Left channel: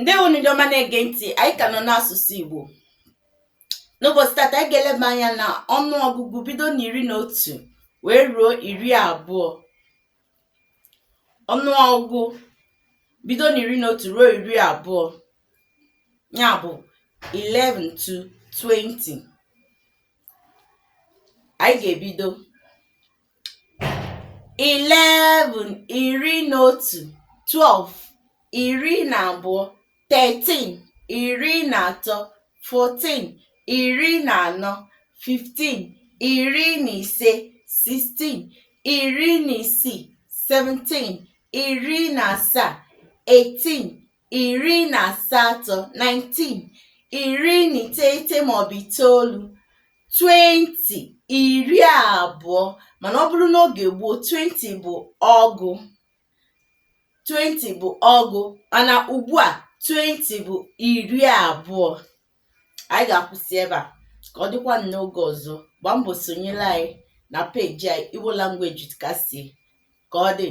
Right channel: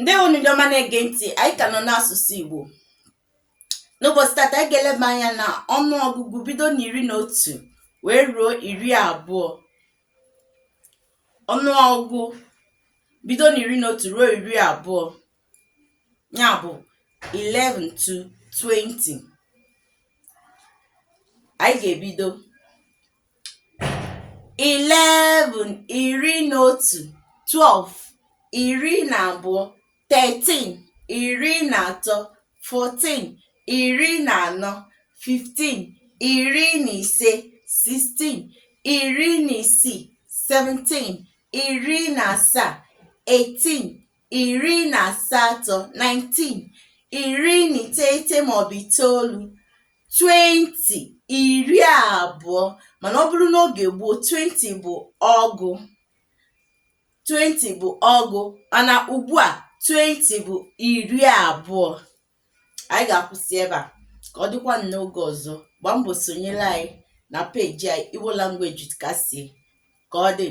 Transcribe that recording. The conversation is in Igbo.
Ndewo ndị ọma na-ege ntị, anyị ka nọ n'asụsụ Igbo. N'ụbọchị tata anyị ga-eleba anya na ọnụọgụgụ bido n'11 wee ruo 20. Ọnụọgụgụ bido n'11 ruo 20, ya bụ 11 to 20. Anyị ga-ebido 11 11, 12 12, 13 13, 14 14, 15 15, 16 16, 17 17, 18 18, 19 19 maọbụ 9, 20 mana ọ bụrụ n'oge gboo 20 bụ ọgụ. 20 bụ ọgụ, mana ugbu a 20 bụ 20. Anyị ga-akwụsị ebe a ka ọ dịkwa n'oge ọzọ. Gbaa mbọ sonyere anyị na peji anyị Igbo Language ka ọ dị.